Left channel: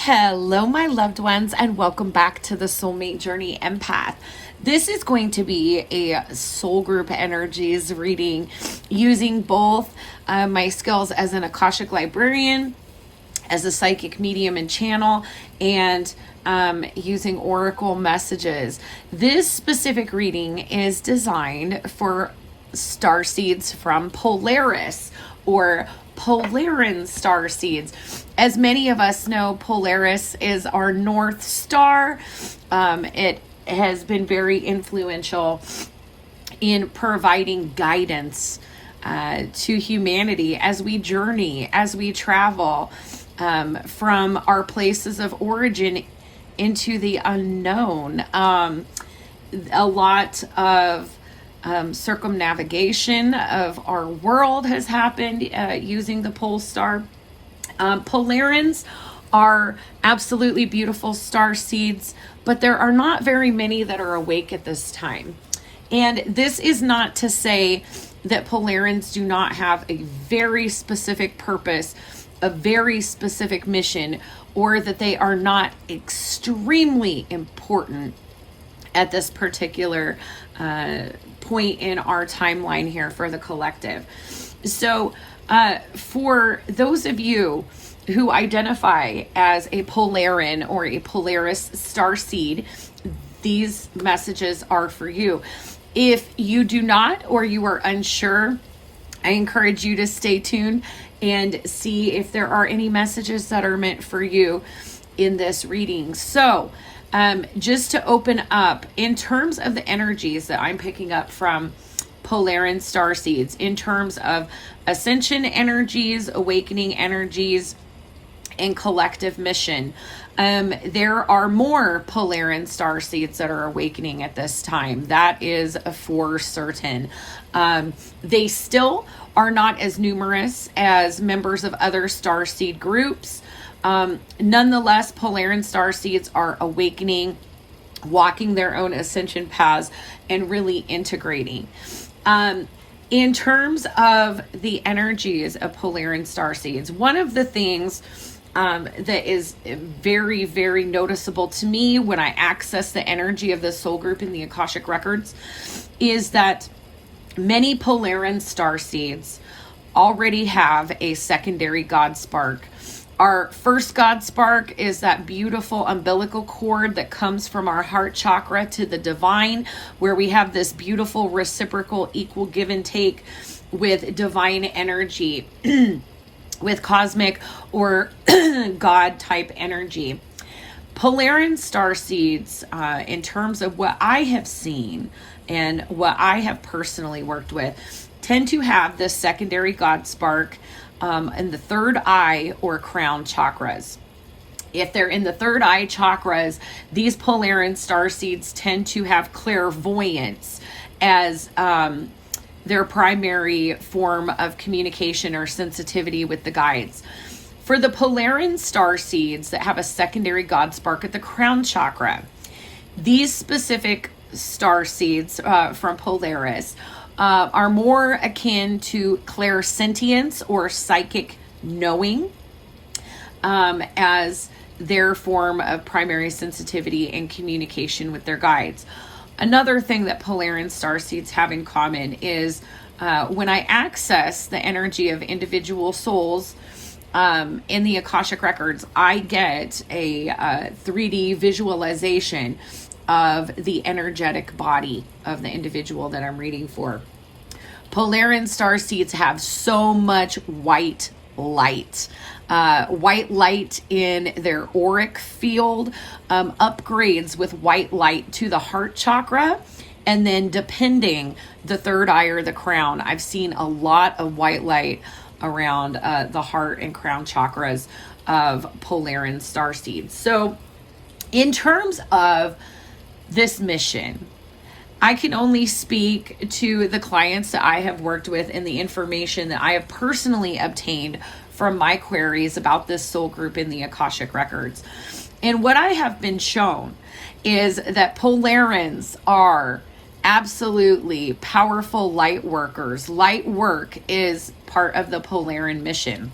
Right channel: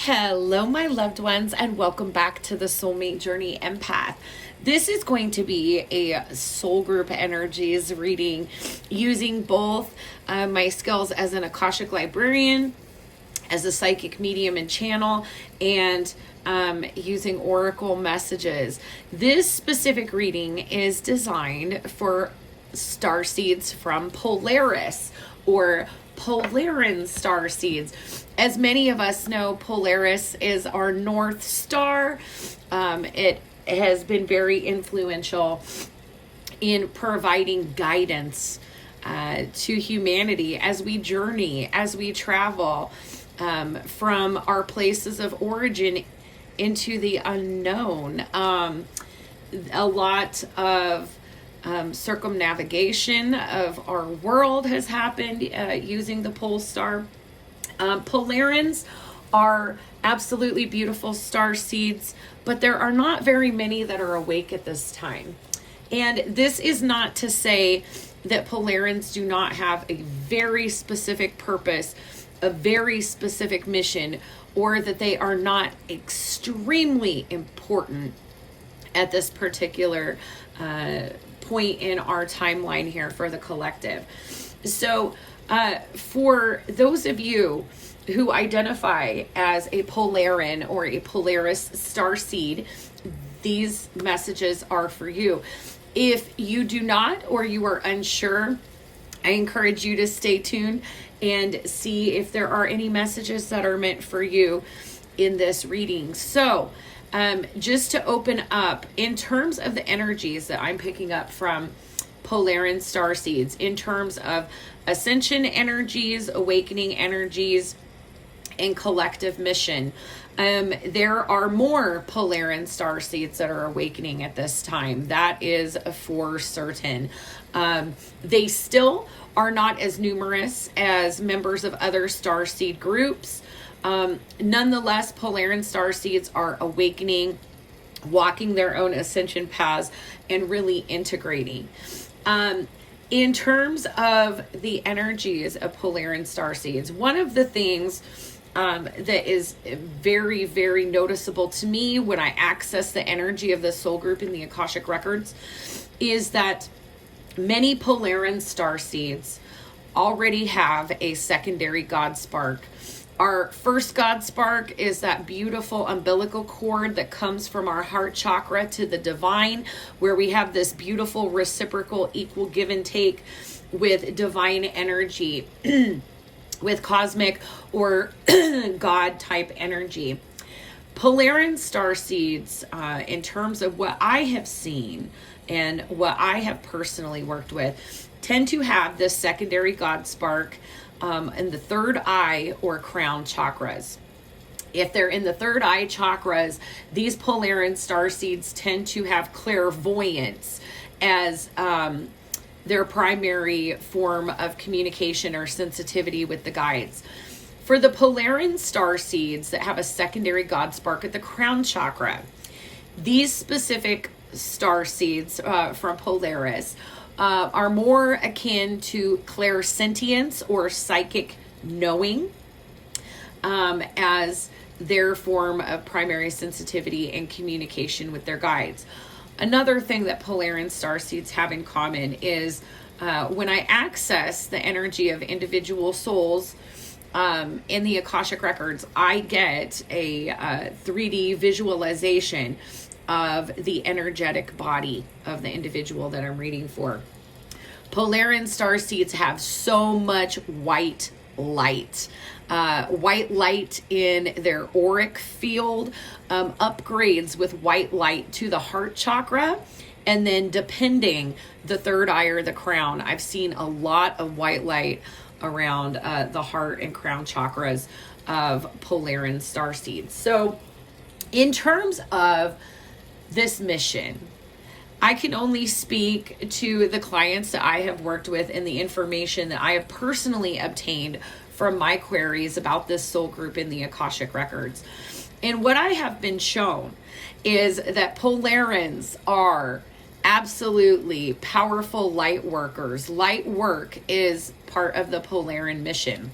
Hello, my loved ones, and welcome back to the Soulmate Journey Empath. This is going to be a soul group energies reading using both my skills as an Akashic librarian, as a psychic medium and channel, and using oracle messages. This specific reading is designed for starseeds from Polaris, or Polaris Starseeds. As many of us know, Polaris is our North Star. It has been very influential in providing guidance to humanity as we journey, as we travel from our places of origin into the unknown. A lot of circumnavigation of our world has happened using the pole star. Polarins are absolutely beautiful star seeds, but there are not very many that are awake at this time. And this is not to say that Polarins do not have a very specific purpose, a very specific mission, or that they are not extremely important at this particular point in our timeline here for the collective. So for those of you who identify as a Polarin or a Polaris Starseed, these messages are for you. If you do not, or you are unsure, I encourage you to stay tuned and see if there are any messages that are meant for you in this reading. So just to open up, in terms of the energies that I'm picking up from Polaris Starseeds, in terms of ascension energies, awakening energies, and collective mission, there are more Polaris Starseeds that are awakening at this time. That is for certain. They still are not as numerous as members of other starseed groups. Nonetheless, Polaris Starseeds are awakening, walking their own ascension paths, and really integrating. In terms of the energies of Polaris Starseeds, one of the things that is very, very noticeable to me when I access the energy of the soul group in the Akashic Records is that many Polaris Starseeds already have a secondary God spark. Our first God spark is that beautiful umbilical cord that comes from our heart chakra to the divine, where we have this beautiful reciprocal equal give and take with divine energy, with cosmic or God type energy. Polaris Starseeds, in terms of what I have seen and what I have personally worked with, tend to have this secondary God spark in the third eye or crown chakras. If they're in the third eye chakras, these Polaris Starseeds tend to have clairvoyance as their primary form of communication or sensitivity with the guides. For the Polaris Starseeds that have a secondary God spark at the crown chakra, these specific starseeds from Polaris are more akin to clairsentience or psychic knowing as their form of primary sensitivity and communication with their guides. Another thing that Polaris Starseeds have in common is when I access the energy of individual souls in the Akashic Records, I get a 3D visualization of the energetic body of the individual that I'm reading for. Polaris Starseeds have so much white light. White light in their auric field upgrades with white light to the heart chakra, and then depending the third eye or the crown. I've seen a lot of white light around the heart and crown chakras of Polaris Starseeds. So in terms of this mission, I can only speak to the clients that I have worked with and the information that I have personally obtained from my queries about this soul group in the Akashic Records. And what I have been shown is that Polarins are absolutely powerful light workers. Light work is part of the Polarin mission.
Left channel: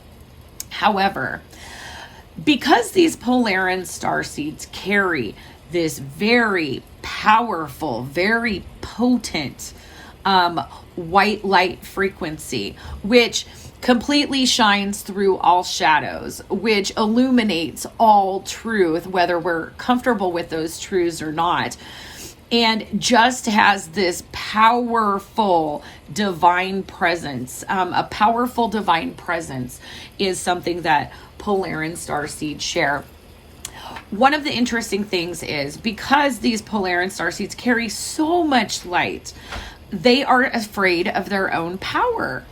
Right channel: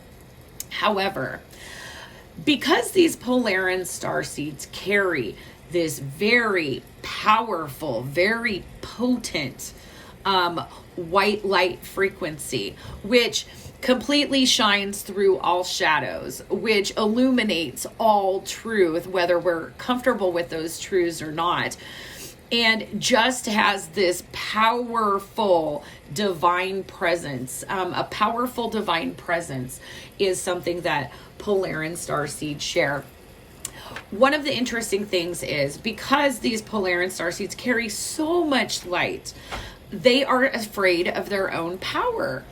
However, Because these Polaris Starseeds carry this very powerful, very potent white light frequency, which completely shines through all shadows, which illuminates all truth, whether we're comfortable with those truths or not, and just has this powerful divine presence. A powerful divine presence is something that Polaris Starseeds share. One of the interesting things is, because these Polaris Starseeds carry so much light, they are afraid of their own power.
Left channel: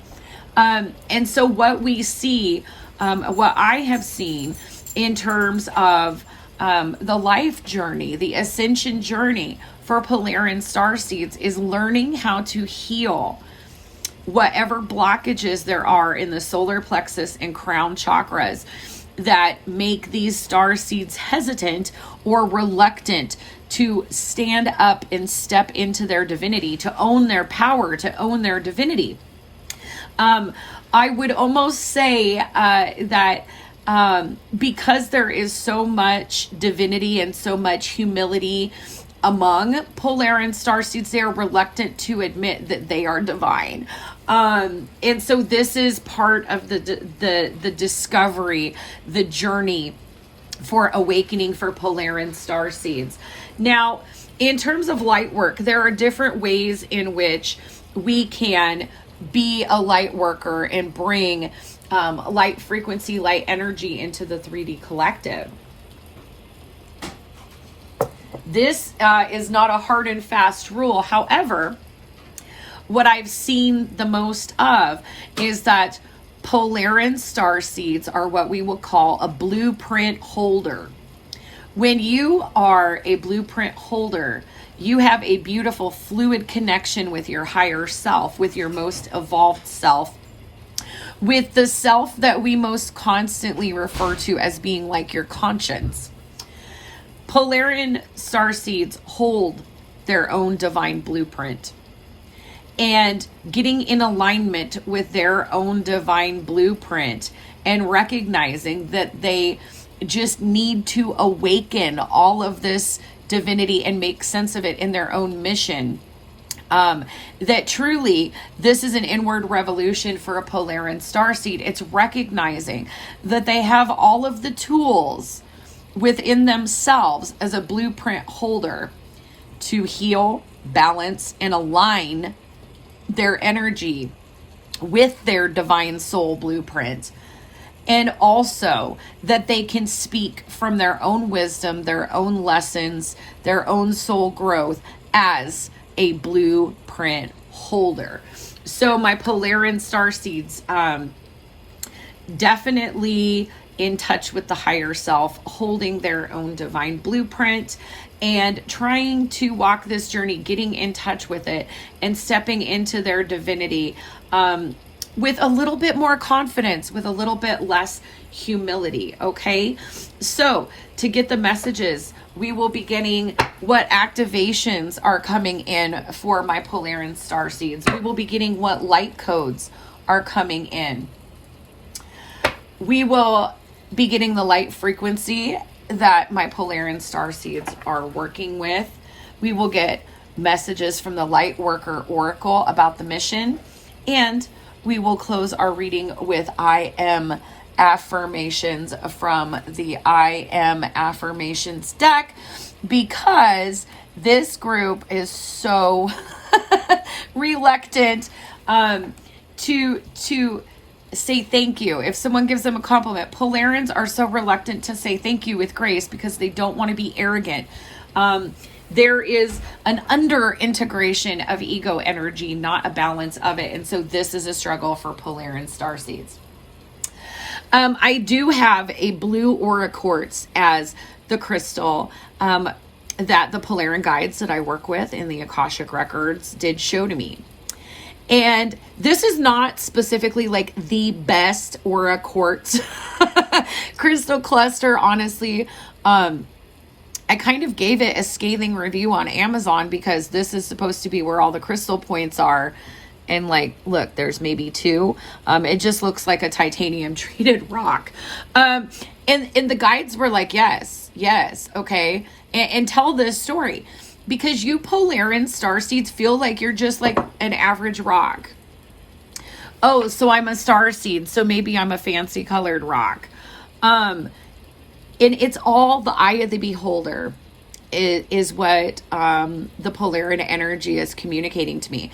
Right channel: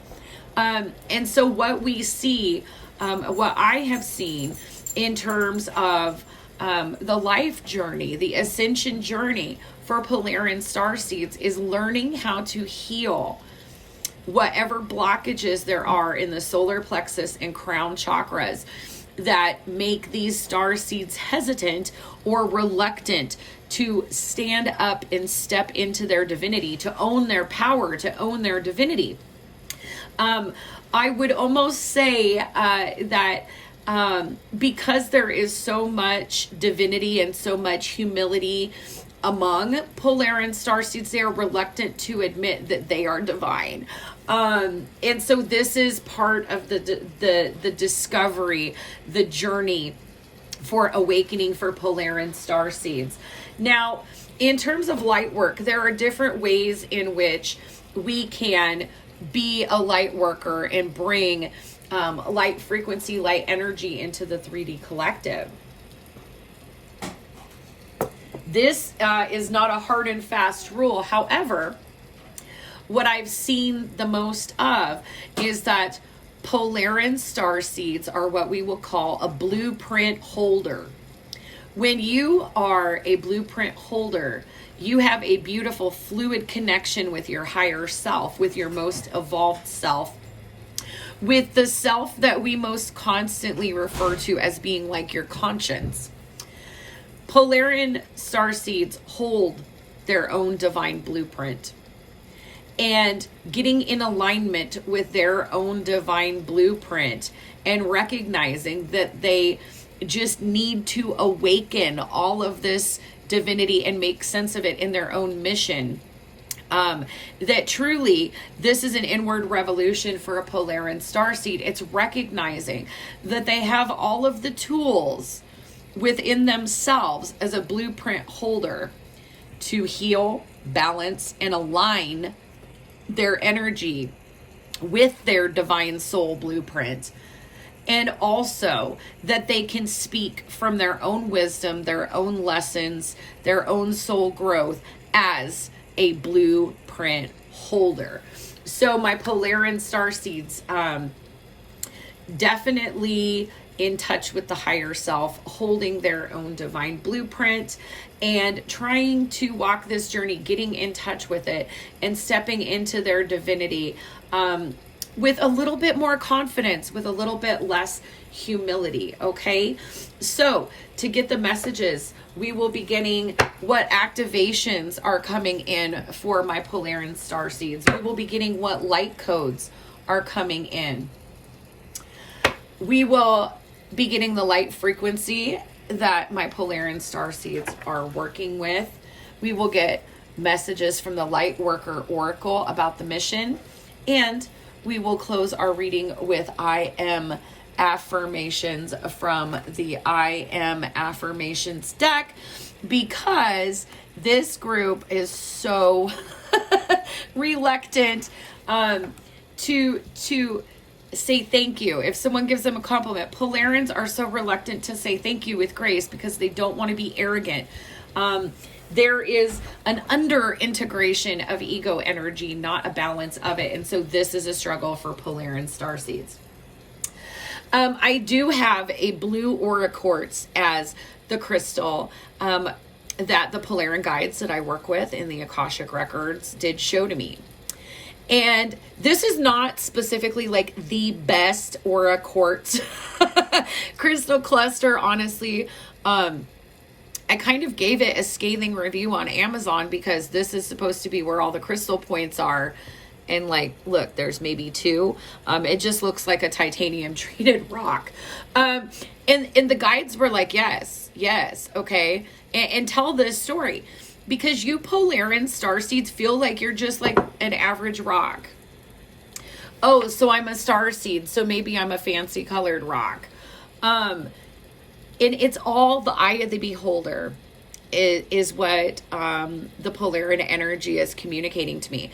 And so what we see, what I have seen in terms of the life journey, the ascension journey for Polaris Starseeds, is learning how to heal whatever blockages there are in the solar plexus and crown chakras that make these star seeds hesitant or reluctant to stand up and step into their divinity, to own their power, to own their divinity. I would almost say that because there is so much divinity and so much humility among Polaris Starseeds, they are reluctant to admit that they are divine. And so this is part of the discovery, the journey for awakening for Polaris Starseeds. Now, in terms of light work, there are different ways in which we can be a light worker and bring light frequency, light energy into the 3D collective. This is not a hard and fast rule. However, what I've seen the most of is that Polaris Starseeds are what we will call a blueprint holder. When you are a blueprint holder, you have a beautiful fluid connection with your higher self, with your most evolved self, with the self that we most constantly refer to as being like your conscience. Polaris Starseeds hold their own divine blueprint. And getting in alignment with their own divine blueprint and recognizing that they just need to awaken all of this divinity and make sense of it in their own mission. That truly, this is an inward revolution for a Polaris Starseed. It's recognizing that they have all of the tools within themselves as a blueprint holder to heal, balance, and align their energy with their divine soul blueprint. And also that they can speak from their own wisdom, their own lessons, their own soul growth as a blueprint holder. So my Polaris Starseeds, definitely in touch with the higher self, holding their own divine blueprint and trying to walk this journey, getting in touch with it and stepping into their divinity with a little bit more confidence, with a little bit less humility. Okay, so to get the messages, we will be getting what activations are coming in for my Polaris Starseeds. We will be getting what light codes are coming in. We will be getting the light frequency that my Polaris Starseeds are working with. We will get messages from the Lightworker Oracle about the mission, and we will close our reading with I Am affirmations from the I Am affirmations deck, because this group is so reluctant to say thank you. If someone gives them a compliment, Polaris are so reluctant to say thank you with grace because they don't want to be arrogant. There is an under integration of ego energy, not a balance of it. And so this is a struggle for Polaris Starseeds. I do have a blue aura quartz as the crystal that the Polaris guides that I work with in the Akashic Records did show to me. And this is not specifically like the best aura quartz crystal cluster. Honestly, I kind of gave it a scathing review on Amazon because this is supposed to be where all the crystal points are. and like, look, there's maybe two. It just looks like a titanium treated rock. And the guides were like, yes, okay. And tell this story, because you Polaris Starseeds feel like you're just like an average rock. Oh, so I'm a starseed, so maybe I'm a fancy colored rock. And it's all the eye of the beholder is what the Polaris energy is communicating to me.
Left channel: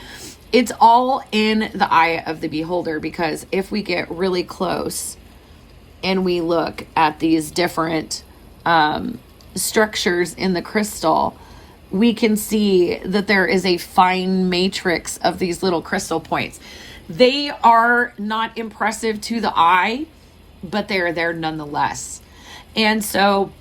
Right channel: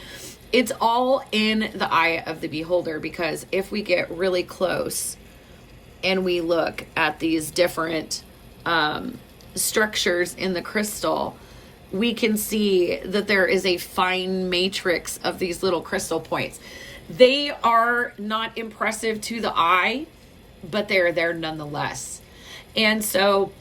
It's all in the eye of the beholder, because if we get really close and we look at these different structures in the crystal, we can see that there is a fine matrix of these little crystal points. They are not impressive to the eye, but they're there nonetheless. And so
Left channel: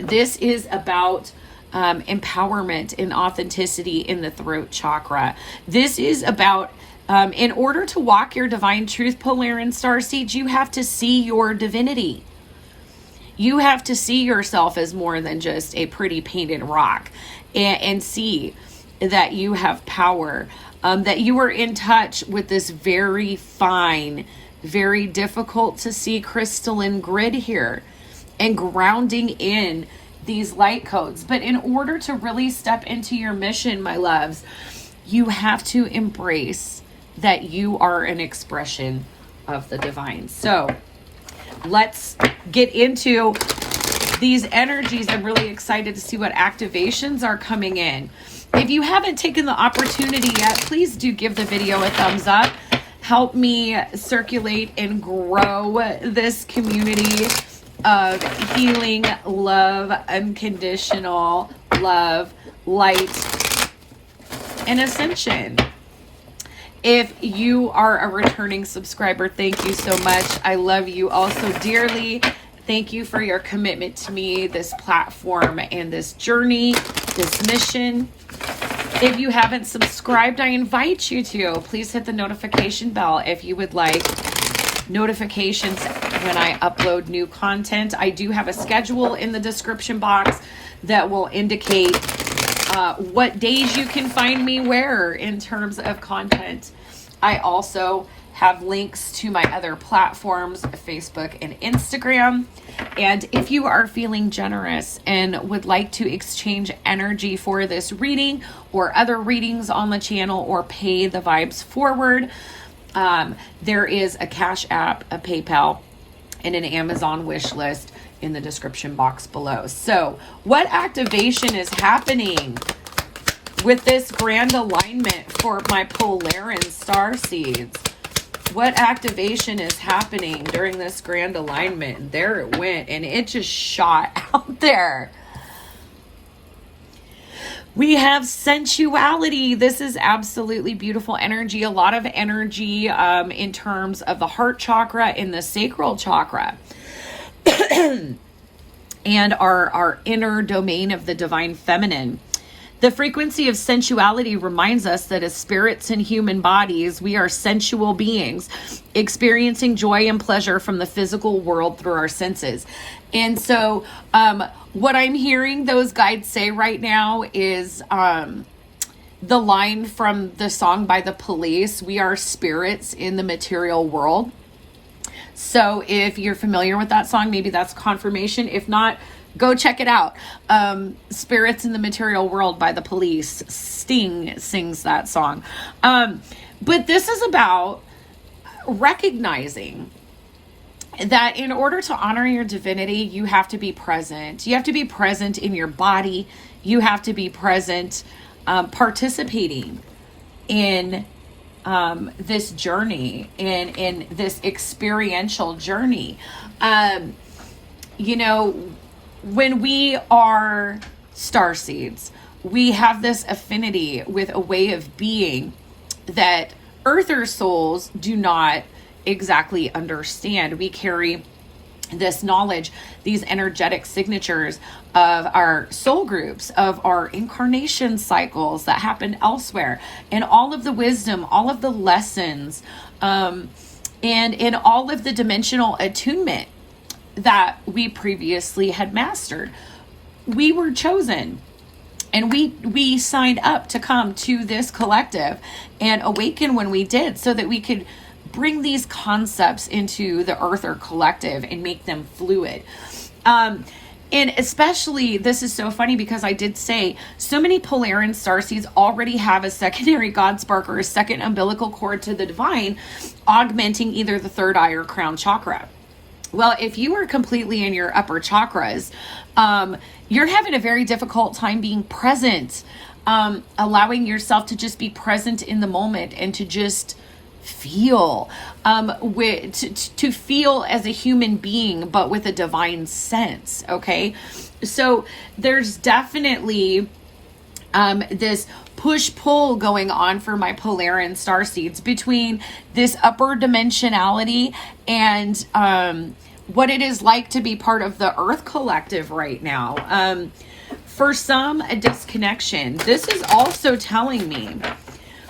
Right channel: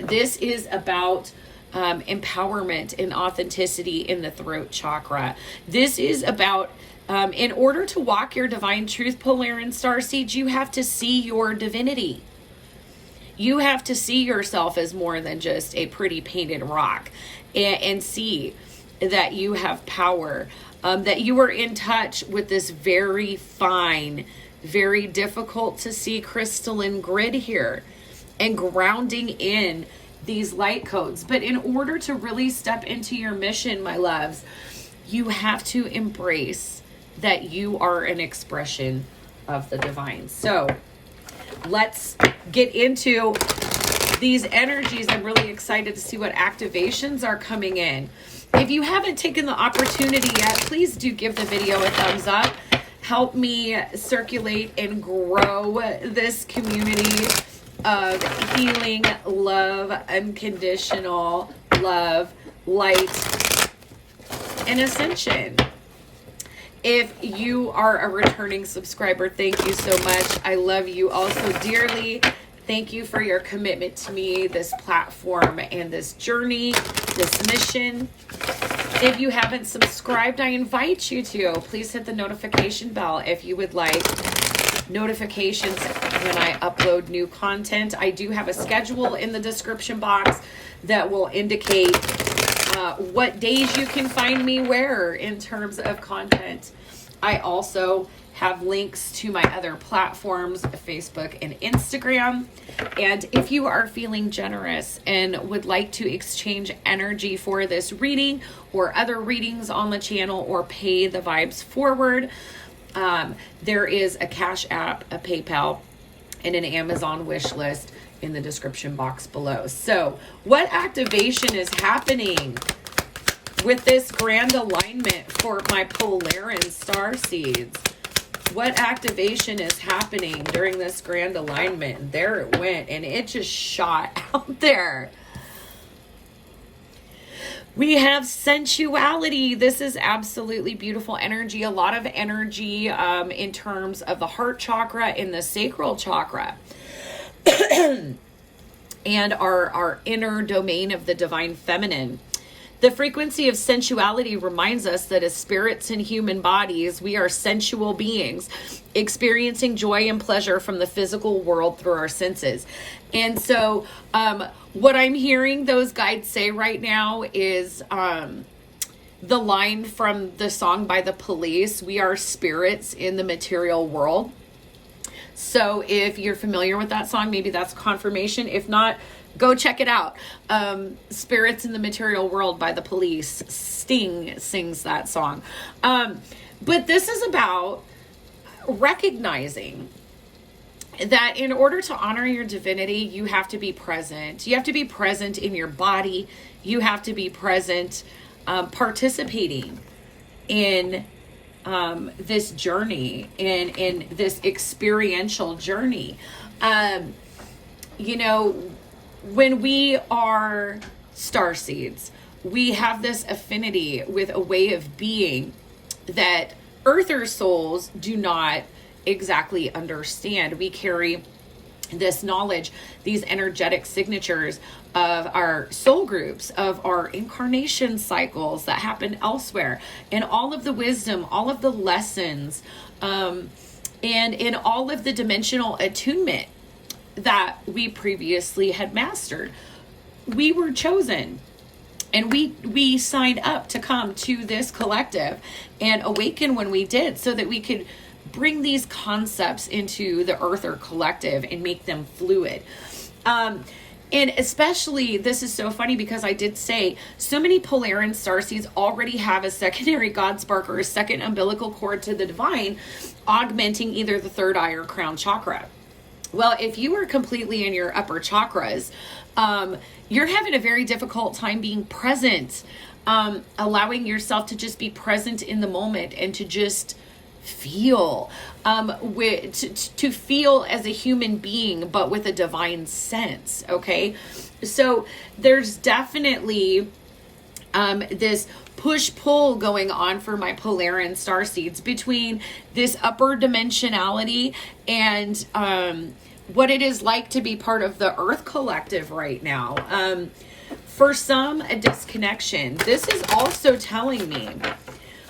this is about empowerment and authenticity in the throat chakra. This is about, in order to walk your divine truth, Polaris Starseeds, you have to see your divinity. You have to see yourself as more than just a pretty painted rock, and see that you have power, that you are in touch with this very fine, very difficult to see crystalline grid here, and grounding in these light codes. But in order to really step into your mission, my loves, you have to embrace that you are an expression of the divine. So let's get into these energies. I'm really excited to see what activations are coming in. If you haven't taken the opportunity yet, please do give the video a thumbs up. Help me circulate and grow this community of healing, love, unconditional love, light, and ascension. If you are a returning subscriber, thank you so much. I love you all so dearly. Thank you for your commitment to me, this platform, and this journey, this mission. If you haven't subscribed, I invite you to. Please hit the notification bell if you would like notifications when I upload new content. I do have a schedule in the description box that will indicate what days you can find me where in terms of content. I also have links to my other platforms, Facebook and Instagram. And if you are feeling generous and would like to exchange energy for this reading or other readings on the channel, or pay the vibes forward, there is a CashApp, a PayPal, and an Amazon wish list in the description box below. So what activation is happening with this grand alignment for my Polaris Starseeds? What activation is happening during this grand alignment? There it went, and it just shot out there. We have sensuality. This is absolutely beautiful energy. A lot of energy in terms of the heart chakra and the sacral chakra. And our inner domain of the divine feminine. The frequency of sensuality reminds us that as spirits in human bodies, we are sensual beings, experiencing joy and pleasure from the physical world through our senses. And so what I'm hearing those guides say right now is the line from the song by the Police, "We are spirits in the material world." So if you're familiar with that song, maybe that's confirmation. If not, go check it out. Spirits in the Material World by the Police. Sting sings that song. But this is about recognizing that in order to honor your divinity, you have to be present. You have to be present in your body. You have to be present, participating in this journey, in this experiential journey. You know, when we are starseeds, we have this affinity with a way of being that earther souls do not exactly understand. We carry this knowledge, these energetic signatures of our soul groups, of our incarnation cycles that happen elsewhere, and all of the wisdom, all of the lessons, and in all of the dimensional attunement that we previously had mastered. We were chosen, And we signed up to come to this collective and awaken when we did, so that we could bring these concepts into the Earther collective and make them fluid. And especially, this is so funny because I did say so many Polaris Starseeds already have a secondary God spark or a second umbilical cord to the divine, augmenting either the third eye or crown chakra. Well, if you are completely in your upper chakras, you're having a very difficult time being present, allowing yourself to just be present in the moment and to just feel, to feel as a human being, but with a divine sense. Okay. So there's definitely, this push-pull going on for my Polaris Starseeds between this upper dimensionality and, what it is like to be part of the Earth collective right now. For some, a disconnection. This is also telling me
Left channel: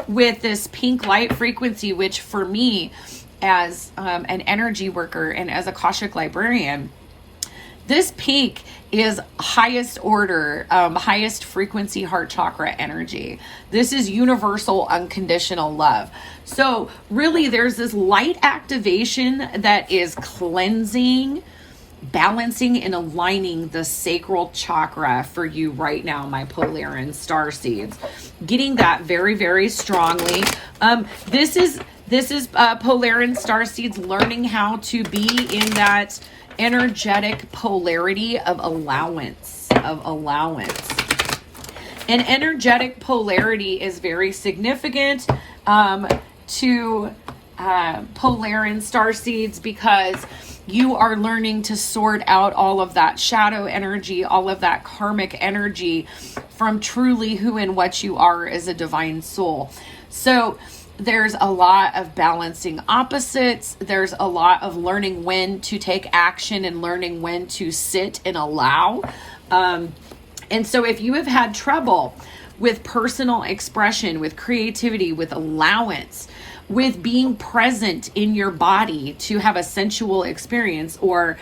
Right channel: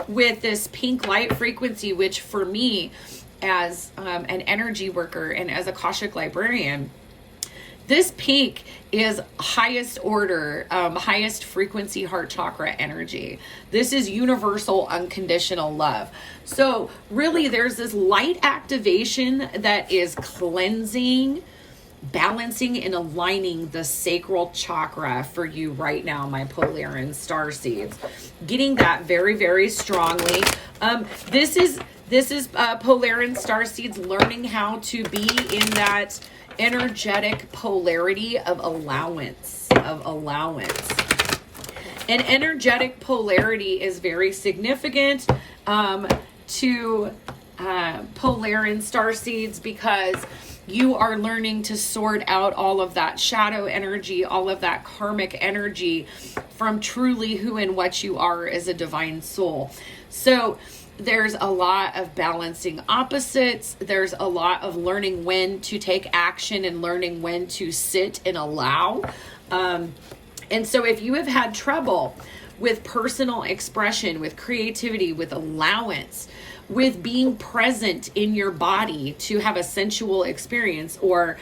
with this pink light frequency, which for me as an energy worker and as a Akashic librarian, this pink is highest order, highest frequency heart chakra energy. This is universal unconditional love. So really there's this light activation that is cleansing, balancing, and aligning the sacral chakra for you right now, my Polaris Starseeds. Getting that very, very strongly. This is Polaris Starseeds learning how to be in that energetic polarity of allowance, And energetic polarity is very significant to Polaris Starseeds, because you are learning to sort out all of that shadow energy, all of that karmic energy from truly who and what you are as a divine soul. So there's a lot of balancing opposites. There's a lot of learning when to take action and learning when to sit and allow. And so if you have had trouble with personal expression, with creativity, with allowance, with being present in your body to have a sensual experience, or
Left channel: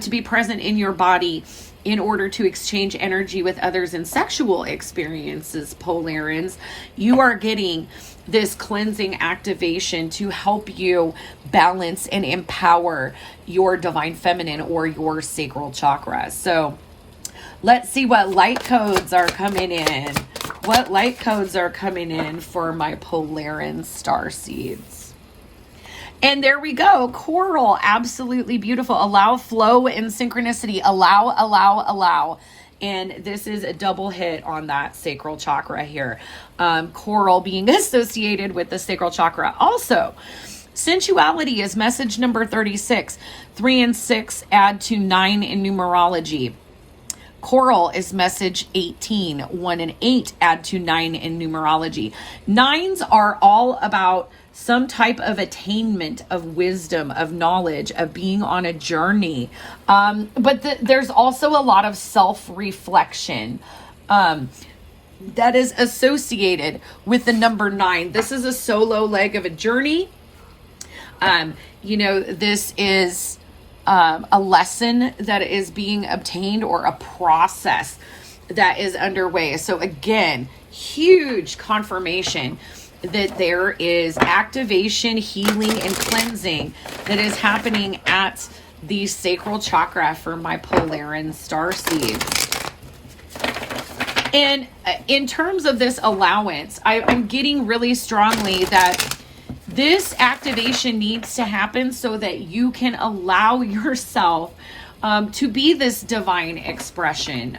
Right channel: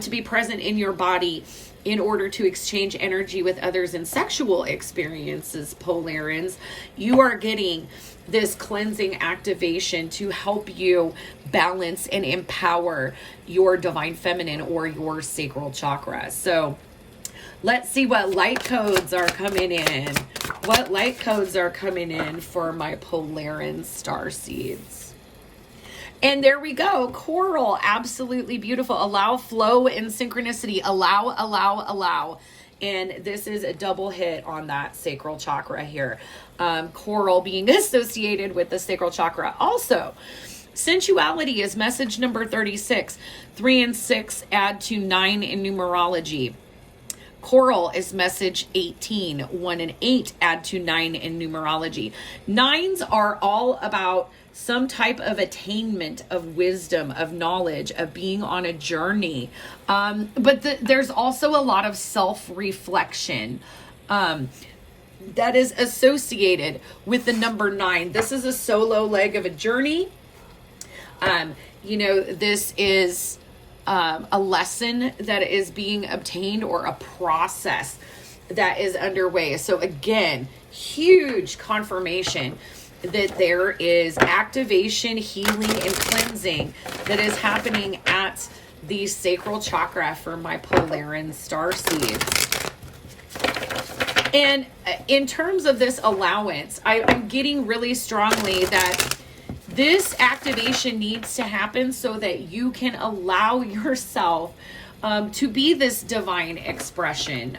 to be present in your body in order to exchange energy with others in sexual experiences, Polaris, you are getting this cleansing activation to help you balance and empower your divine feminine or your sacral chakra. So let's see what light codes are coming in. What light codes are coming in for my Polaris Starseeds? And there we go. Coral, absolutely beautiful. Allow, flow, and synchronicity. Allow. And this is a double hit on that sacral chakra here. Coral being associated with the sacral chakra. Also, sensuality is message number 36. 3 and 6 add to 9 in numerology. Coral is message 18. 1 and 8 add to 9 in numerology. 9s are all about some type of attainment of wisdom, of knowledge, of being on a journey. But there's also a lot of self-reflection that is associated with the number 9. This is a solo leg of a journey. This is a lesson that is being obtained, or a process that is underway. So again, huge confirmation that there is activation, healing, and cleansing that is happening at the sacral chakra for my Polaris Starseeds. And in terms of this allowance, I'm getting really strongly that this activation needs to happen so that you can allow yourself to be this divine expression.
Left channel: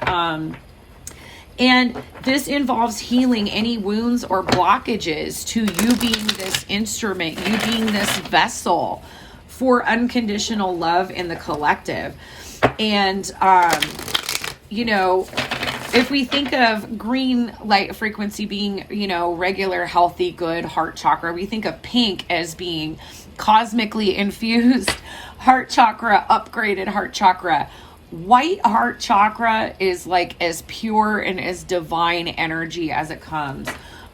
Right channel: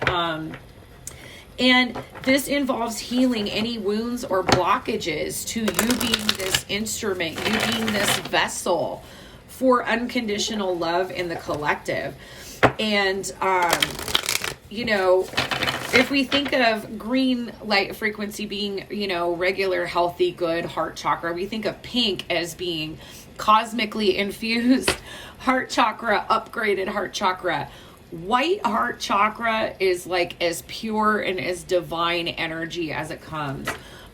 And this involves healing any wounds or blockages to you being this instrument, you being this vessel for unconditional love in the collective. And, if we think of green light frequency being, regular, healthy, good heart chakra, we think of pink as being cosmically infused heart chakra, upgraded heart chakra. White heart chakra is like as pure and as divine energy as it comes.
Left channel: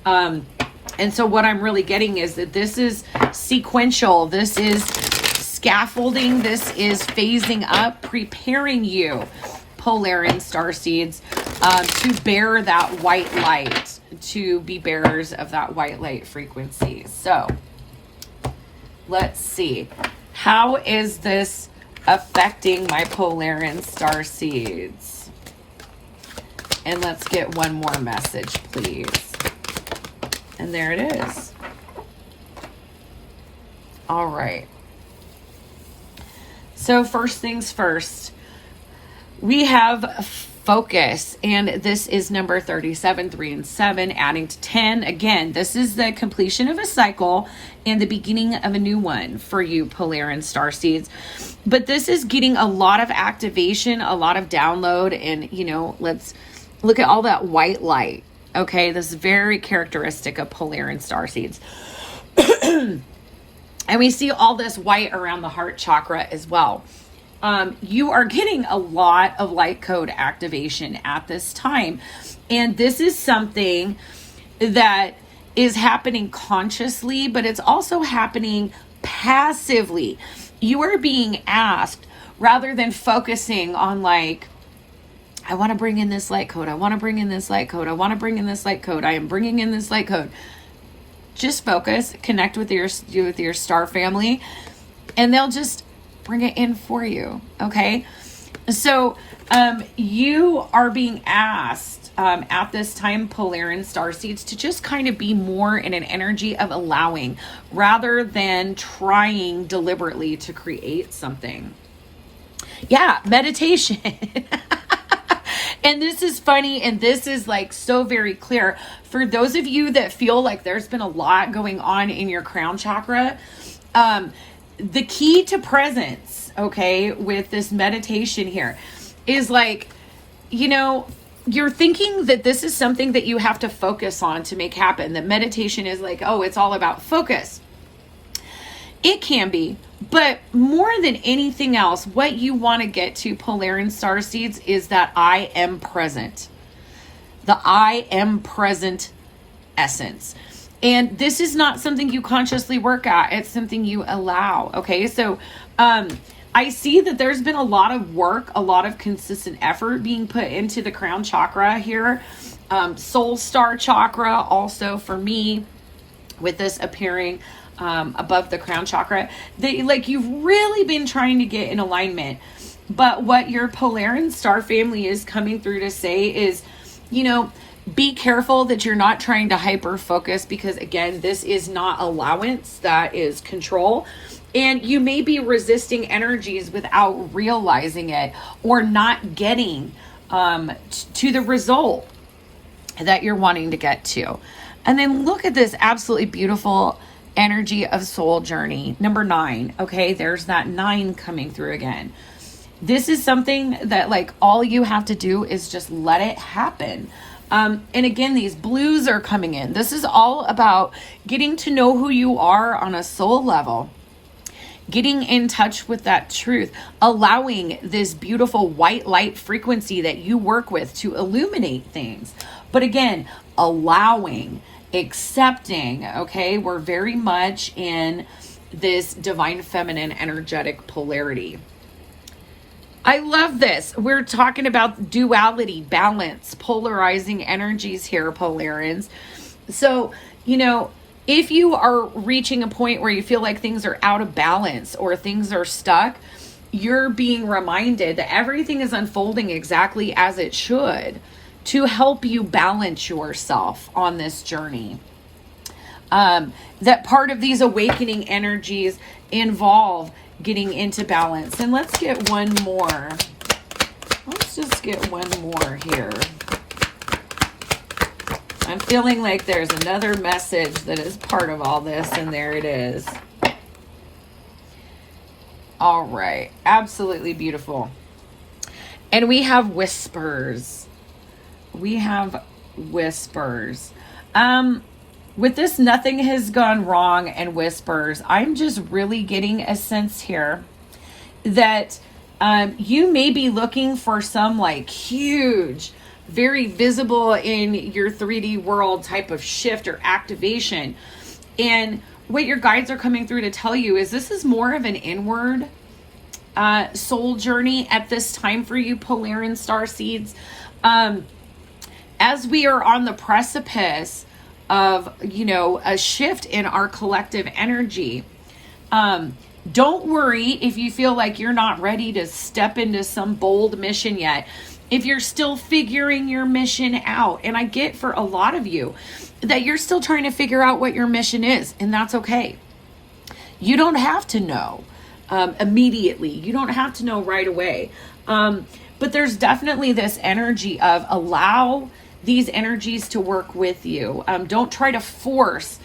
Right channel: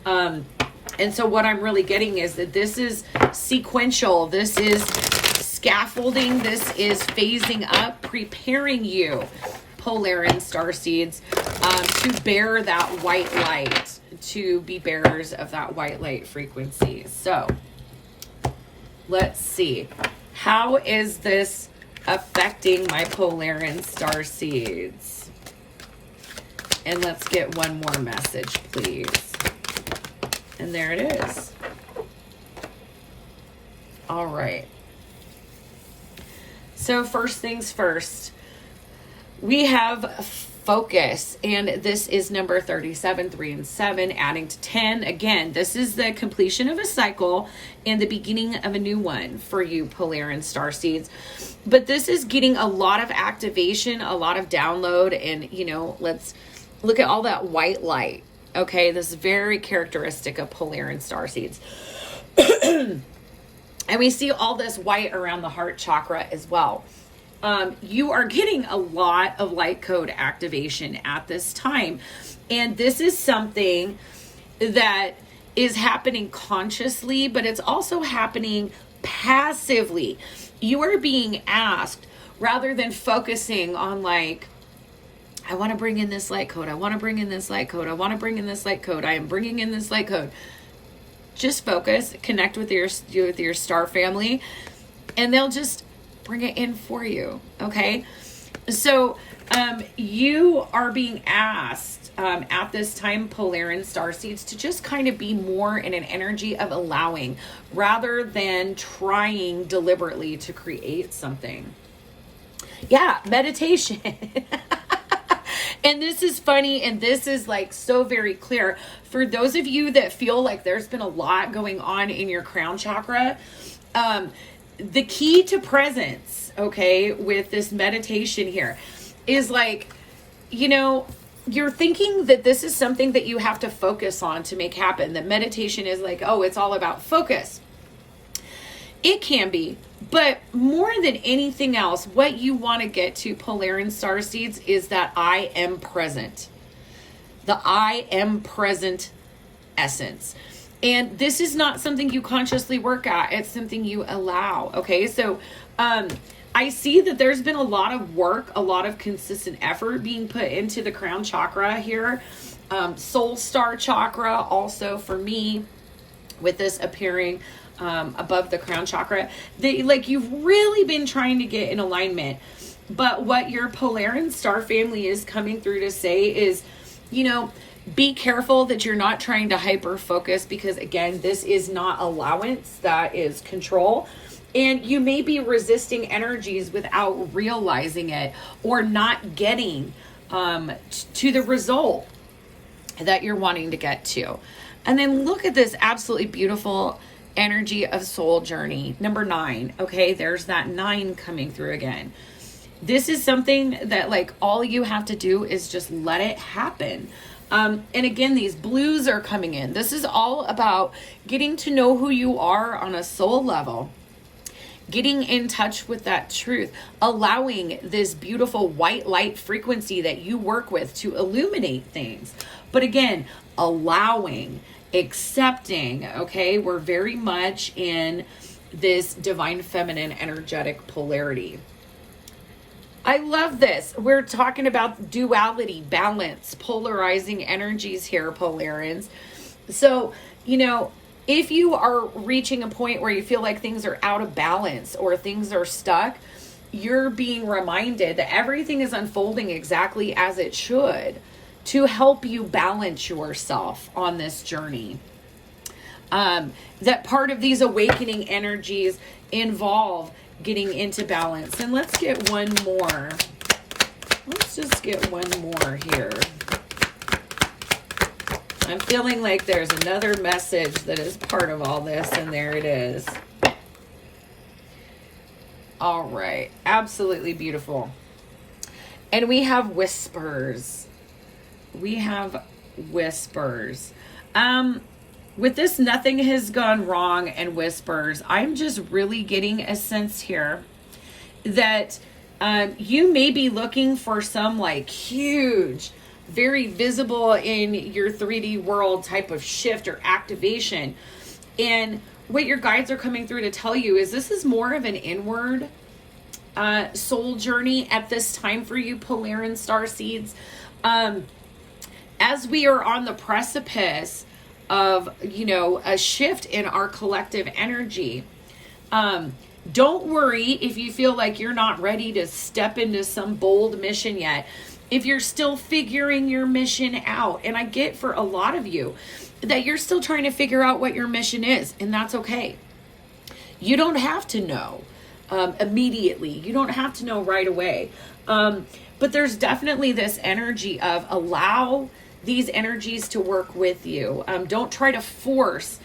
And so what I'm really getting is that this is sequential. This is scaffolding. This is phasing up, preparing you, Polaris Starseeds, to bear that white light, to be bearers of that white light frequency. So let's see. How is this affecting my Polaris Starseeds? And let's get one more message, please. And there it is. All right. So first things first, we have focus, and this is number 37, 3 and 7, adding to 10. Again, this is the completion of a cycle and the beginning of a new one for you Polaris Starseeds. But this is getting a lot of activation, a lot of download, and let's look at all that white light. Okay, this is very characteristic of Polaris Starseeds. And we see all this white around the heart chakra as well. You are getting a lot of light code activation at this time. And this is something that is happening consciously, but it's also happening passively. You are being asked, rather than focusing on like, I want to bring in this light code. I want to bring in this light code. I want to bring in this light code. I am bringing in this light code. Just focus, connect with your star family, and they'll just bring it in for you. Okay. So, you are being asked, at this time, Polaris Starseeds, to just kind of be more in an energy of allowing rather than trying deliberately to create something. Yeah. Meditation. And this is funny, and this is like so very clear for those of you that feel like there's been a lot going on in your crown chakra. The key to presence, okay, with this meditation here is like, you're thinking that this is something that you have to focus on to make happen. That meditation is like, oh, it's all about focus. It can be, but more than anything else, what you want to get to, Polaris Starseeds, is that I am present. The I am present essence. And this is not something you consciously work at. It's something you allow. Okay. So, I see that there's been a lot of work, a lot of consistent effort being put into the crown chakra here. Soul star chakra also for me, with this appearing above the crown chakra. You've really been trying to get in alignment. But what your Polaris star family is coming through to say is, be careful that you're not trying to hyper focus, because again, this is not allowance, that is control. And you may be resisting energies without realizing it, or not getting to the result that you're wanting to get to. And then look at this absolutely beautiful energy of soul journey. Number 9. Okay, there's that 9 coming through again. This is something that like all you have to do is just let it happen. And again, these blues are coming in. This is all about getting to know who you are on a soul level, getting in touch with that truth, allowing this beautiful white light frequency that you work with to illuminate things. But again, allowing, accepting, okay? We're very much in this divine feminine energetic polarity. I love this. We're talking about duality, balance, polarizing energies here, Polaris. So, if you are reaching a point where you feel like things are out of balance or things are stuck, you're being reminded that everything is unfolding exactly as it should to help you balance yourself on this journey. That part of these awakening energies involve getting into balance. And let's get one more. Let's just get one more here. I'm feeling like there's another message that is part of all this, and there it is. All right. Absolutely beautiful. And we have whispers. We have whispers. With this, nothing has gone wrong and whispers, I'm just really getting a sense here that you may be looking for some like huge, very visible in your 3D world type of shift or activation. And what your guides are coming through to tell you is this is more of an inward soul journey at this time for you, Polaris Starseeds. as we are on the precipice of, you know, a shift in our collective energy, don't worry if you feel like you're not ready to step into some bold mission yet. If you're still figuring your mission out, and I get for a lot of you that you're still trying to figure out what your mission is, and that's okay. You don't have to know immediately. You don't have to know right away. But there's definitely this energy of allow these energies to work with you. Don't try to force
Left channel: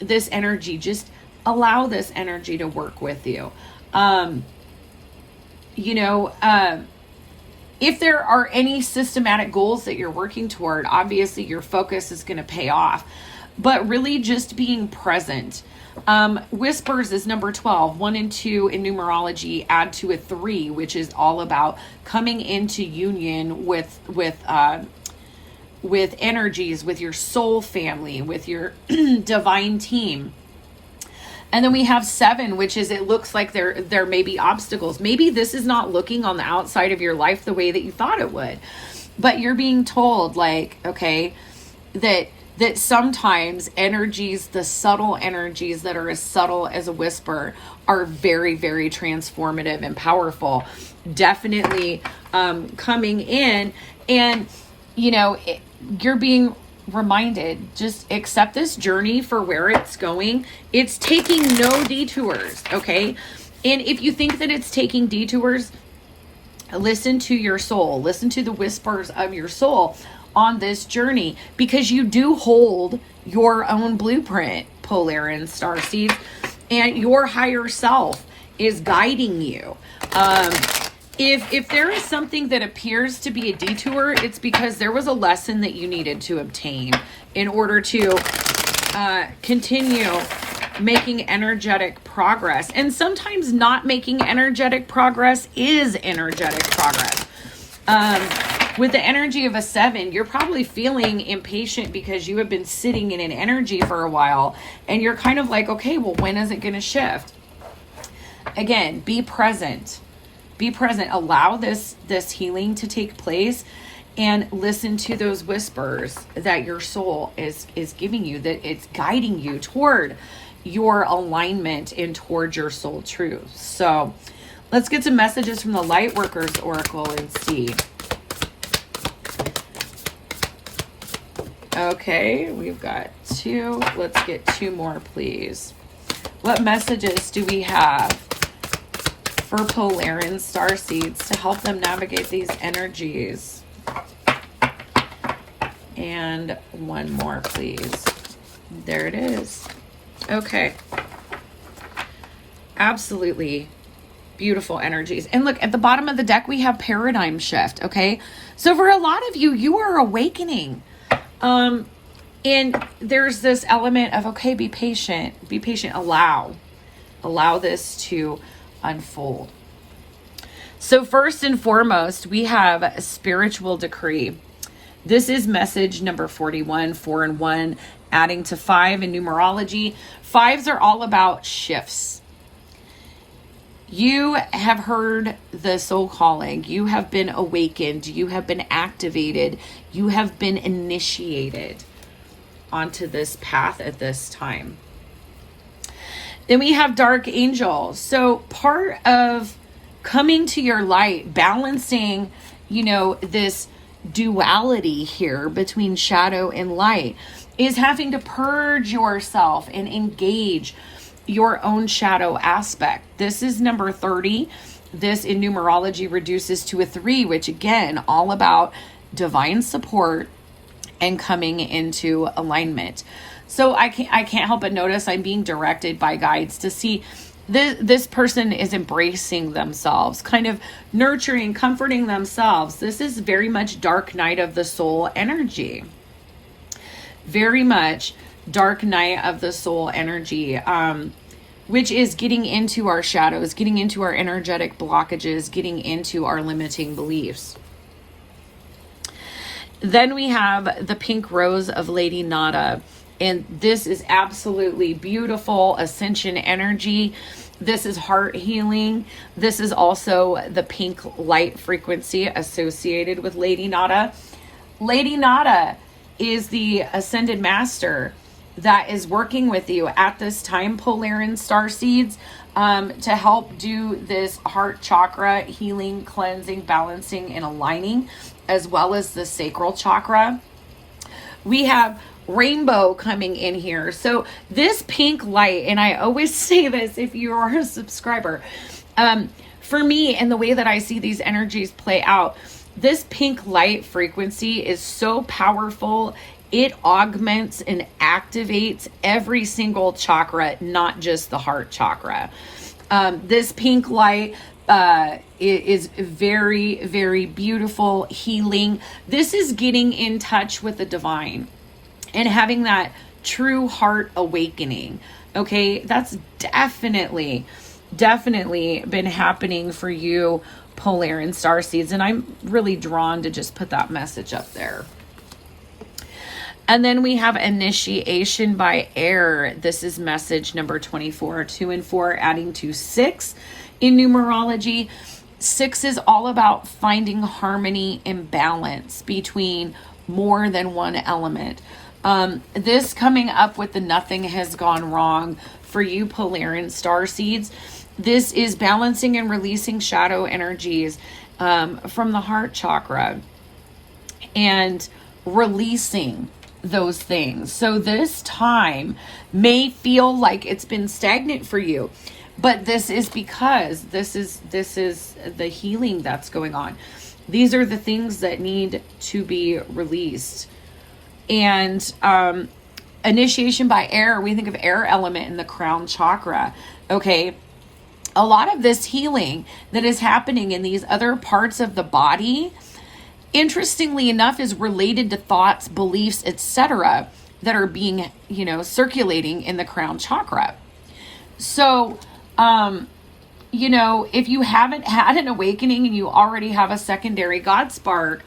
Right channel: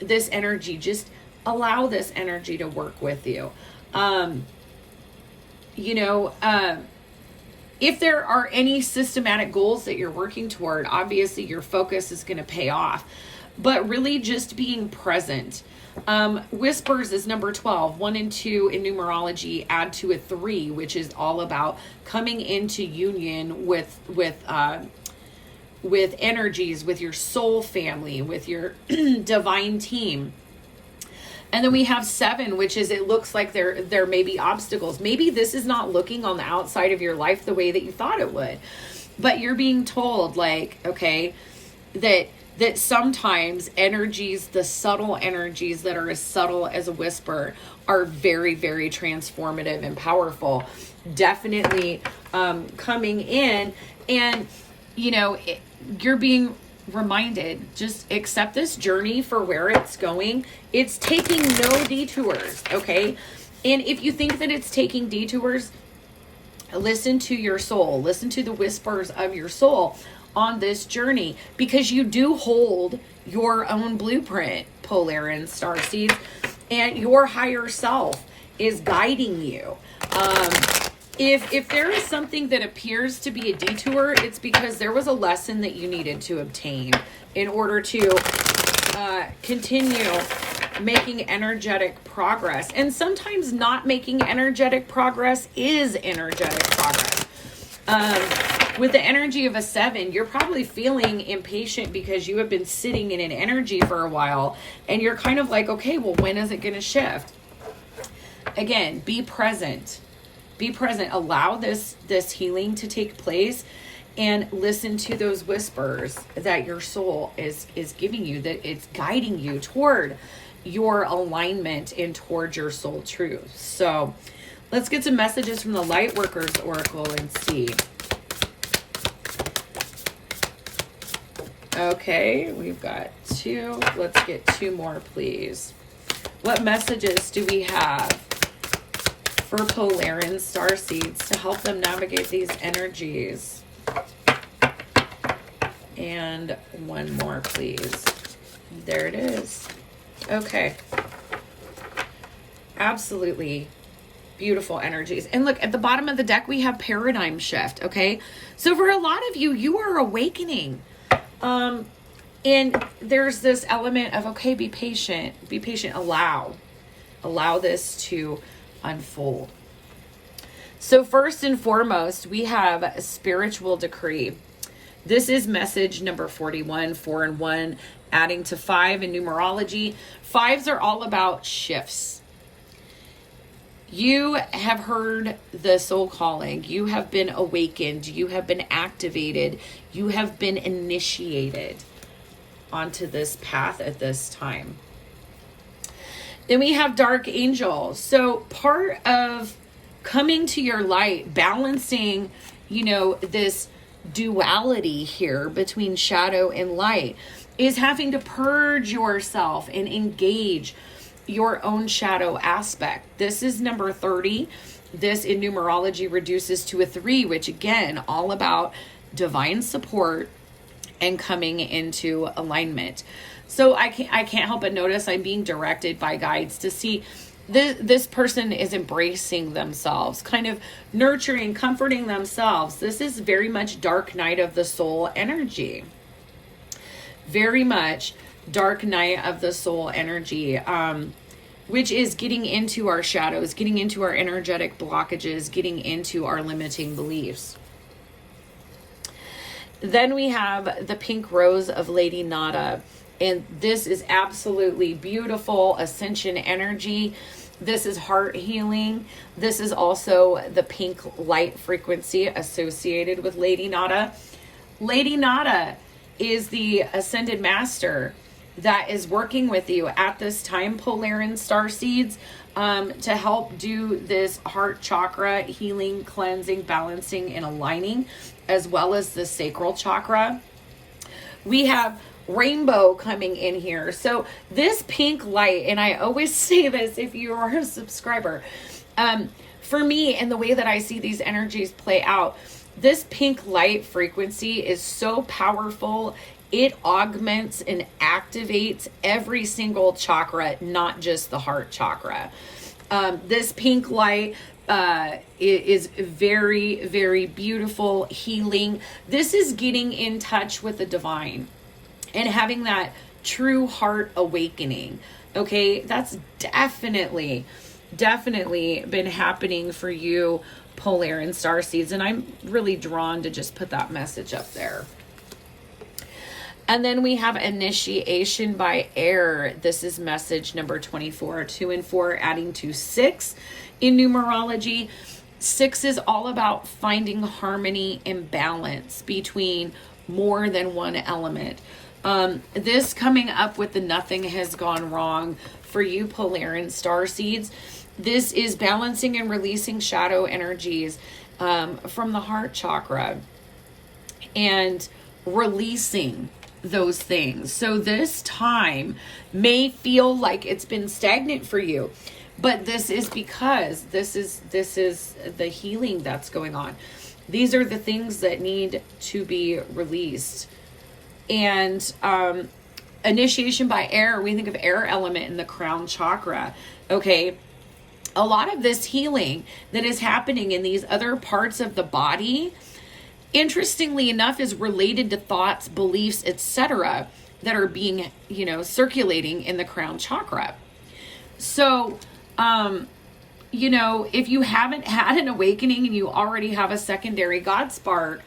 this energy. Just allow this energy to work with you. If there are any systematic goals that you're working toward, obviously your focus is going to pay off. But really just being present. Whispers is number 12. 1 and 2 in numerology add to a 3, which is all about coming into union with energies, with your soul family, with your divine team. And then we have 7, which is, it looks like there may be obstacles. Maybe this is not looking on the outside of your life the way that you thought it would. But you're being told, like, okay, that sometimes energies, the subtle energies that are as subtle as a whisper, are very, very transformative and powerful. Definitely coming in, and, you know, you're being reminded, just accept this journey for where it's going. It's taking no detours, okay? And if you think that it's taking detours, listen to your soul. Listen to the whispers of your soul on this journey, because you do hold your own blueprint, Polaris Starseed, and your higher self is guiding you. If there is something that appears to be a detour, it's because there was a lesson that you needed to obtain in order to continue making energetic progress. And sometimes not making energetic progress is energetic progress. With the energy of a 7, you're probably feeling impatient because you have been sitting in an energy for a while, and you're kind of like, okay, well, when is it going to shift? Again, be present. Be present. Allow this healing to take place, and listen to those whispers that your soul is giving you, that it's guiding you toward your alignment and toward your soul truth. So let's get some messages from the Lightworkers Oracle and see. Okay, we've got 2. Let's get 2 more, please. What messages do we have for Polaris Starseeds to help them navigate these energies? And 1 more, please. There it is. Okay. Absolutely beautiful energies. And look, at the bottom of the deck, we have paradigm shift, okay? So for a lot of you, you are awakening. And there's this element of, okay, be patient, allow this to unfold. So first and foremost, we have a spiritual decree. This is message number 41, 4 and 1, adding to 5 in numerology. 5s are all about shifts. You have heard the soul calling. You have been awakened. You have been activated. You have been initiated onto this path at this time. Then we have dark angel. So part of coming to your light, balancing, you know, this duality here between shadow and light, is having to purge yourself and engage your own shadow aspect. This is number 30. This in numerology reduces to a 3, which again, all about divine support and coming into alignment. So I can't help but notice I'm being directed by guides to see this person is embracing themselves, kind of nurturing, comforting themselves. This is very much dark night of the soul energy. Very much dark night of the soul energy, which is getting into our shadows, getting into our energetic blockages, getting into our limiting beliefs. Then we have the pink rose of Lady Nada. And this is absolutely beautiful ascension energy. This is heart healing. This is also the pink light frequency associated with Lady Nada. Lady Nada is the Ascended Master that is working with you at this time, Polaris Starseeds, to help do this heart chakra healing, cleansing, balancing, and aligning, as well as the sacral chakra. We have Rainbow coming in here. So this pink light, and I always say this if you are a subscriber, for me and the way that I see these energies play out, this pink light frequency is so powerful. It augments and activates every single chakra, not just the heart chakra. This pink light is very, very beautiful, healing. This is getting in touch with the divine and having that true heart awakening. Okay, that's definitely been happening for you, Polaris Starseeds, and I'm really drawn to just put that message up there. And then we have initiation by air. This is message number 24, 2 and 4, adding to 6 in numerology. 6 is all about finding harmony and balance between more than one element. This coming up with the nothing has gone wrong for you, Polaris Starseeds. This is balancing and releasing shadow energies from the heart chakra and releasing those things. So this time may feel like it's been stagnant for you, but this is because this is the healing that's going on. These are the things that need to be released. And initiation by air, we think of air element in the crown chakra. Okay, a lot of this healing that is happening in these other parts of the body, interestingly enough, is related to thoughts, beliefs, etc. that are being, circulating in the crown chakra. So, if you haven't had an awakening and you already have a secondary God spark,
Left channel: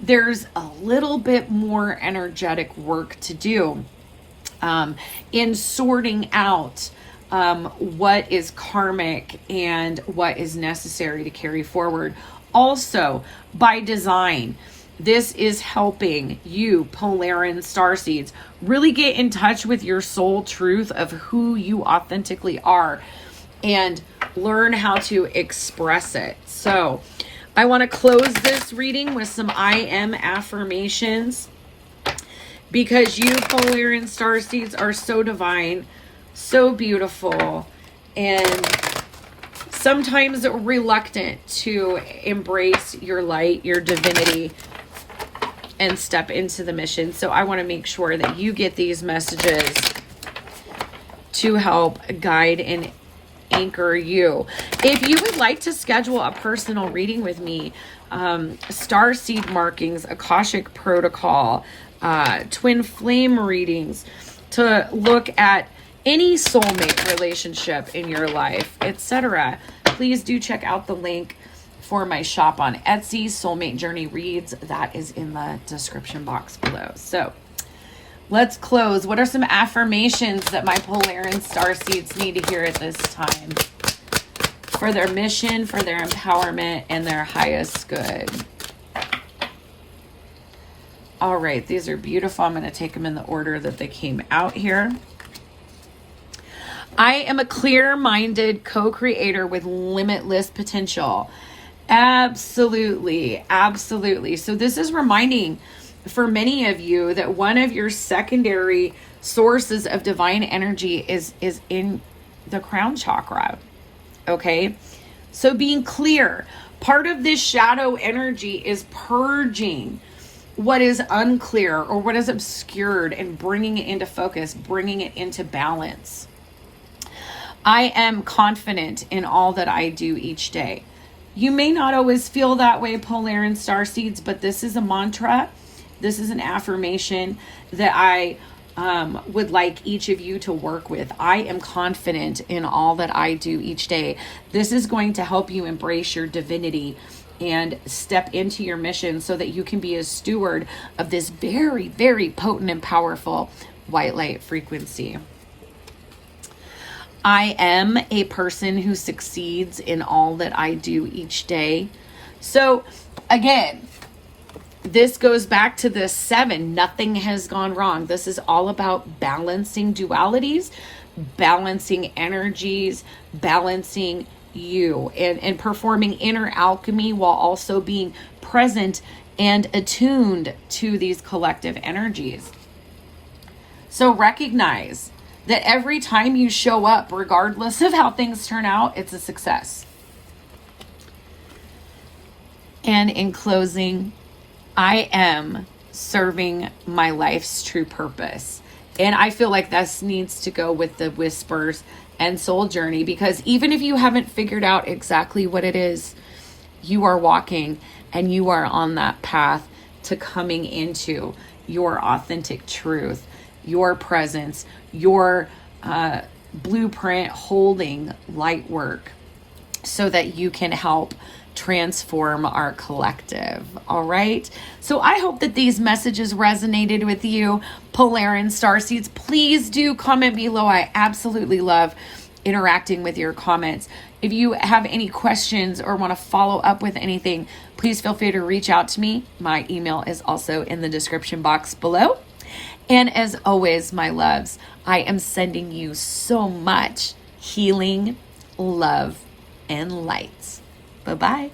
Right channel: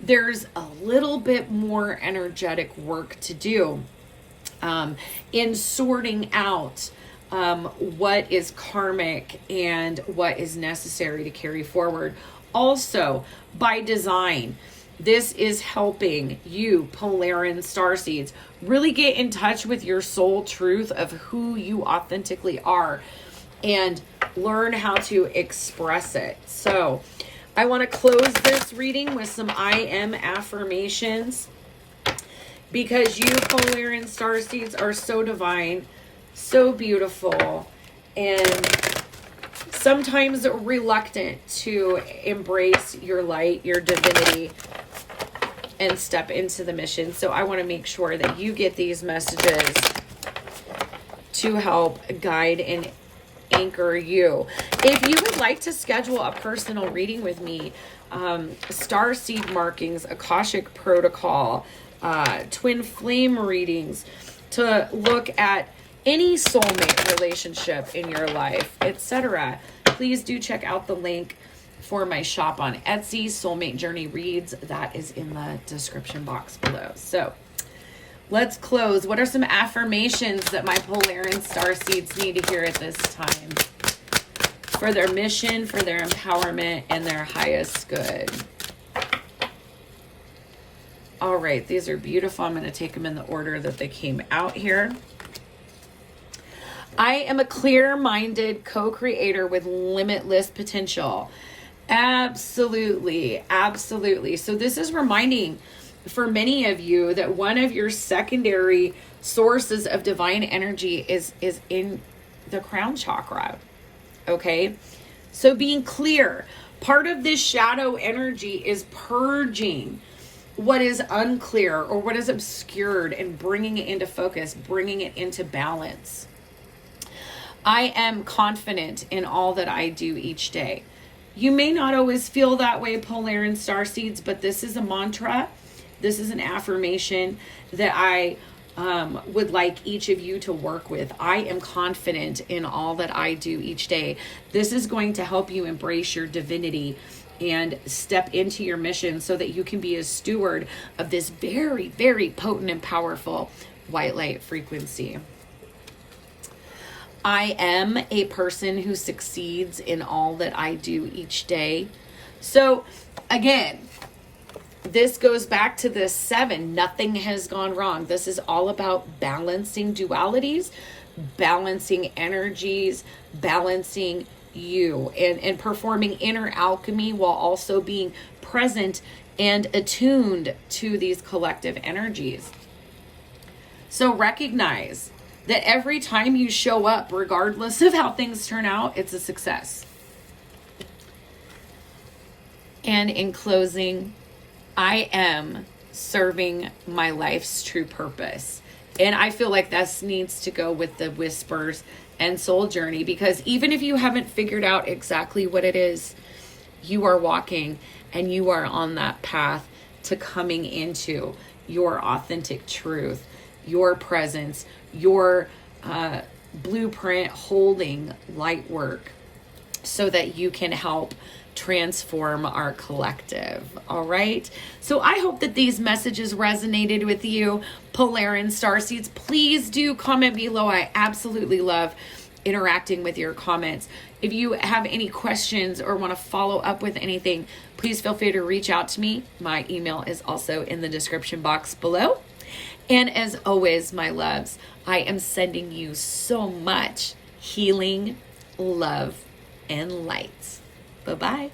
there's a little bit more energetic work to do in sorting out what is karmic and what is necessary to carry forward. Also, by design, this is helping you, Polaris Starseeds, really get in touch with your soul truth of who you authentically are and learn how to express it. So, I want to close this reading with some I am affirmations, because you, Polaris Starseeds, are so divine, so beautiful, and sometimes reluctant to embrace your light, your divinity, and step into the mission. So I want to make sure that you get these messages to help guide and anchor you. If you would like to schedule a personal reading with me, starseed markings, Akashic protocol, twin flame readings, to look at any soulmate relationship in your life, etc., please do check out the link for my shop on Etsy, Soulmate Journey Reads. That is in the description box below. So let's close. What are some affirmations that my Polaris Starseeds need to hear at this time for their mission, for their empowerment, and their highest good? All right, these are beautiful. I'm going to take them in the order that they came out here. I am a clear-minded co-creator with limitless potential. Absolutely, absolutely. So this is reminding for many of you that one of your secondary sources of divine energy is in the crown chakra. Okay? So being clear, part of this shadow energy is purging what is unclear or what is obscured and bringing it into focus, bringing it into balance. I am confident in all that I do each day. You may not always feel that way, Polaris Starseeds, but this is a mantra. This is an affirmation that I would like each of you to work with. I am confident in all that I do each day. This is going to help you embrace your divinity and step into your mission so that you can be a steward of this very, very potent and powerful white light frequency. I am a person who succeeds in all that I do each day. So again, this goes back to this 7. Nothing has gone wrong. This is all about balancing dualities, balancing energies, balancing you, and performing inner alchemy while also being present and attuned to these collective energies. So recognize that every time you show up, regardless of how things turn out, it's a success. And in closing, I am serving my life's true purpose. And I feel like this needs to go with the whispers and soul journey, because even if you haven't figured out exactly what it is, you are walking and you are on that path to coming into your authentic truth, your presence, your blueprint holding light work, so that you can help transform our collective. All right. So I hope that these messages resonated with you, Polaris Starseeds. Please do comment below. I absolutely love interacting with your comments. If you have any questions or want to follow up with anything, please feel free to reach out to me. My email is also in the description box below. And as always, my loves, I am sending you so much healing, love, and light. Bye-bye.